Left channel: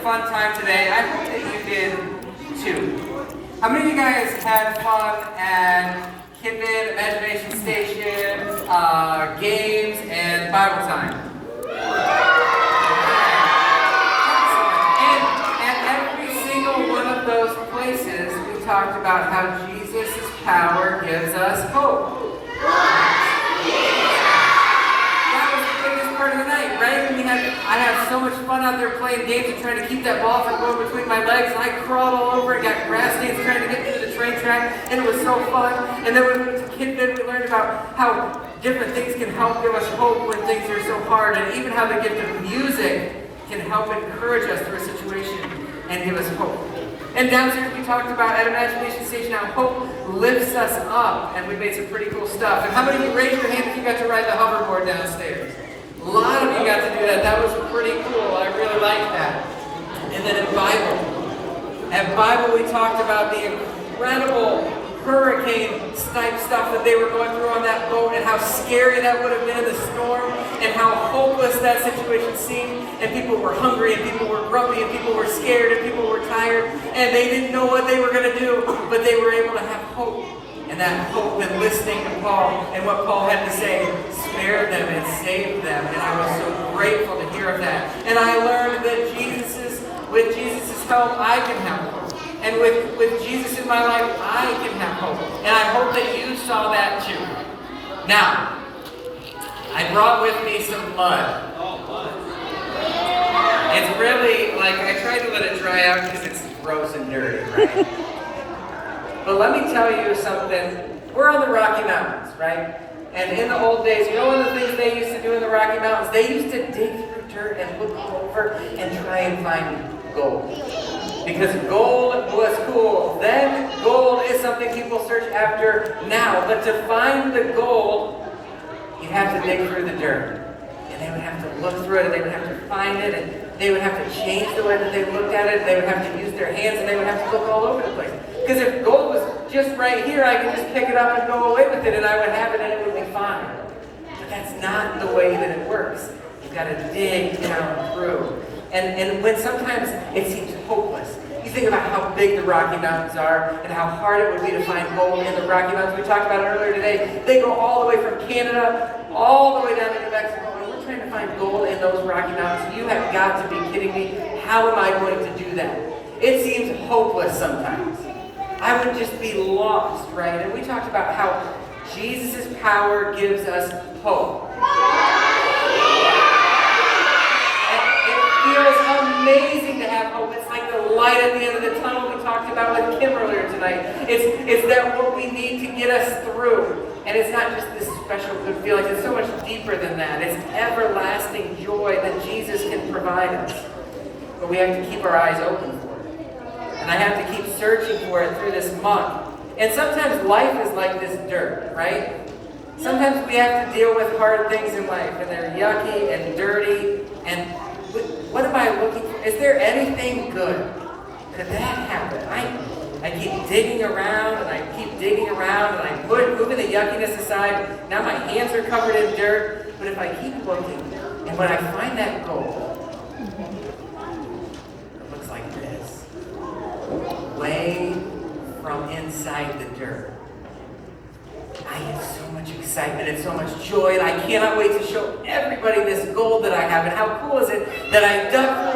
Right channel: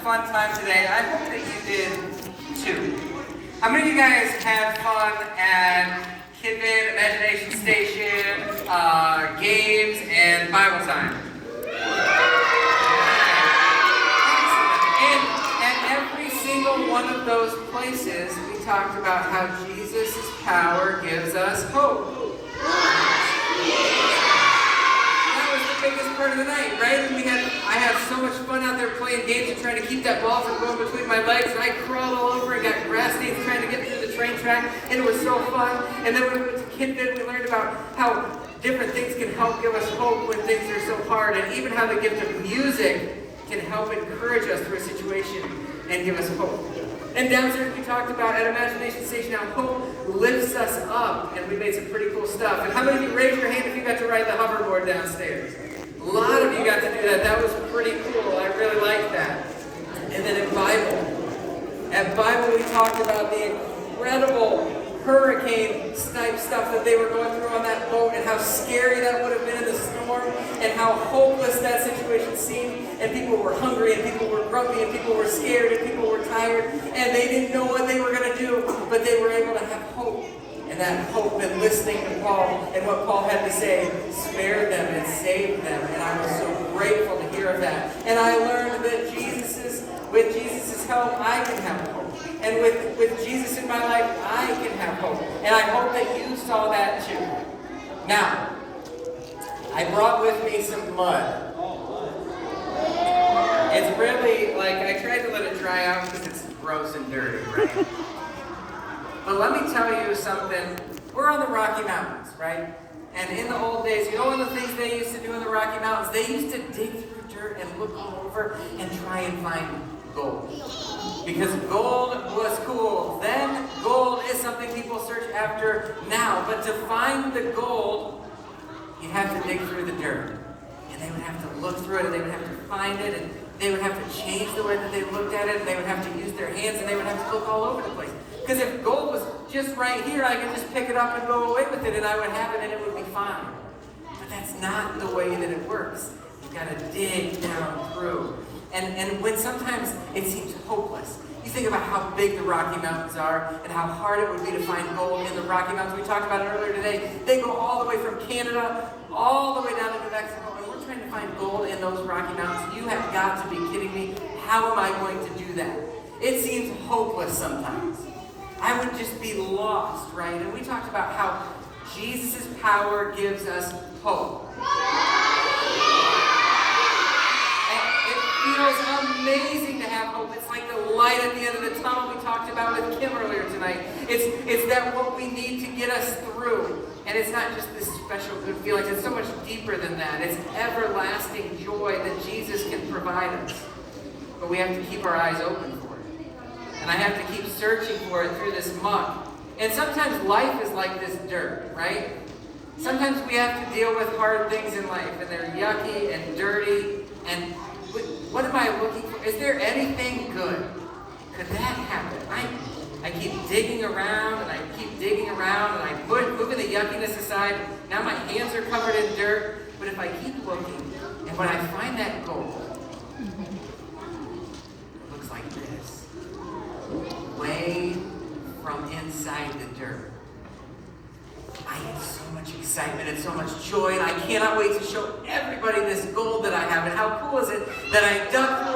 fun time today. I hope that you did too. How many of you guys had fun at Kidman, Imagination Station, games, and Bible time? And at every single one of those places, we talked about how Jesus' power gives us hope. Part of the night, right? I had so much fun out there playing games and trying to keep that ball from going between my legs, and I crawled all over and got grass stains trying to get through the train track, and it was so fun. And then when we went to Kidman, we learned about how different things can help give us hope when things are so hard, and even how the gift of music can help encourage us through a situation and give us hope. And downstairs we talked about at Imagination Station how hope lifts us up, and we made some pretty cool stuff. And how many of you raised your hand if you got to ride the hoverboard downstairs? A lot of you got to do that. That was pretty cool. I really liked that. And then at Bible we talked about the incredible hurricane-type stuff that they were going through on that boat and how scary that would have been in the storm and how hopeless that situation seemed. And people were hungry and people were grumpy and people were scared and people were tired and they didn't know what they were going to do, but they were able to have hope. And that hope and listening to Paul and what Paul had to say spared them and saved them. And I was so grateful to hear of that. And I learned that with Jesus' help, I can have hope. And with Jesus in my life, I can have hope. And I hope that you saw that too. Now, I brought with me some mud. It's really, I tried to let it dry out because it's gross and dirty, right? But let me tell you something. We're on the Rocky Mountains, right? And in the old days, you know one of the things they used to do in the Rocky Mountains? They used to dig through dirt and look over and try and find gold. Because gold was cool. Then gold is something people search after now. But to find the gold, you'd have to dig through the dirt. And they would have to look through it, and they would have to find it, and they would have to change the way that they looked at it. They would have to use their hands, and they would have to look all over the place. Because if gold was just right here, I could just pick it up and go away with it, and I would have it, and it would be fine. But that's not the way that it works. You've got to dig down through. And when sometimes it seems hopeless, you think about how big the Rocky Mountains are and how hard it would be to find gold in the Rocky Mountains. We talked about it earlier today. They go all the way from Canada, all the way down to New Mexico. And we're trying to find gold in those Rocky Mountains. You have got to be kidding me. How am I going to do that? It seems hopeless sometimes. I would just be lost, right? And we talked about how Jesus' power gives us hope. It feels amazing to have hope. It's like the light at the end of the tunnel we talked about with Kim earlier tonight. It's that what we need to get us through. And it's not just this special good feeling. It's so much deeper than that. It's everlasting joy that Jesus can provide us. But we have to keep our eyes open for it. And I have to keep searching for it through this muck. And sometimes life is like this dirt, right? Sometimes we have to deal with hard things in life, and they're yucky and dirty. And what am I looking for? Is there anything good? Could that happen? I keep digging around, and I keep digging around, and I moving the yuckiness aside. Now my hands are covered in dirt. But if I keep looking, and when I find that gold, way from inside the dirt, I get so much excitement and so much joy, and I cannot wait to show everybody this gold that I have. And how cool is it that I dug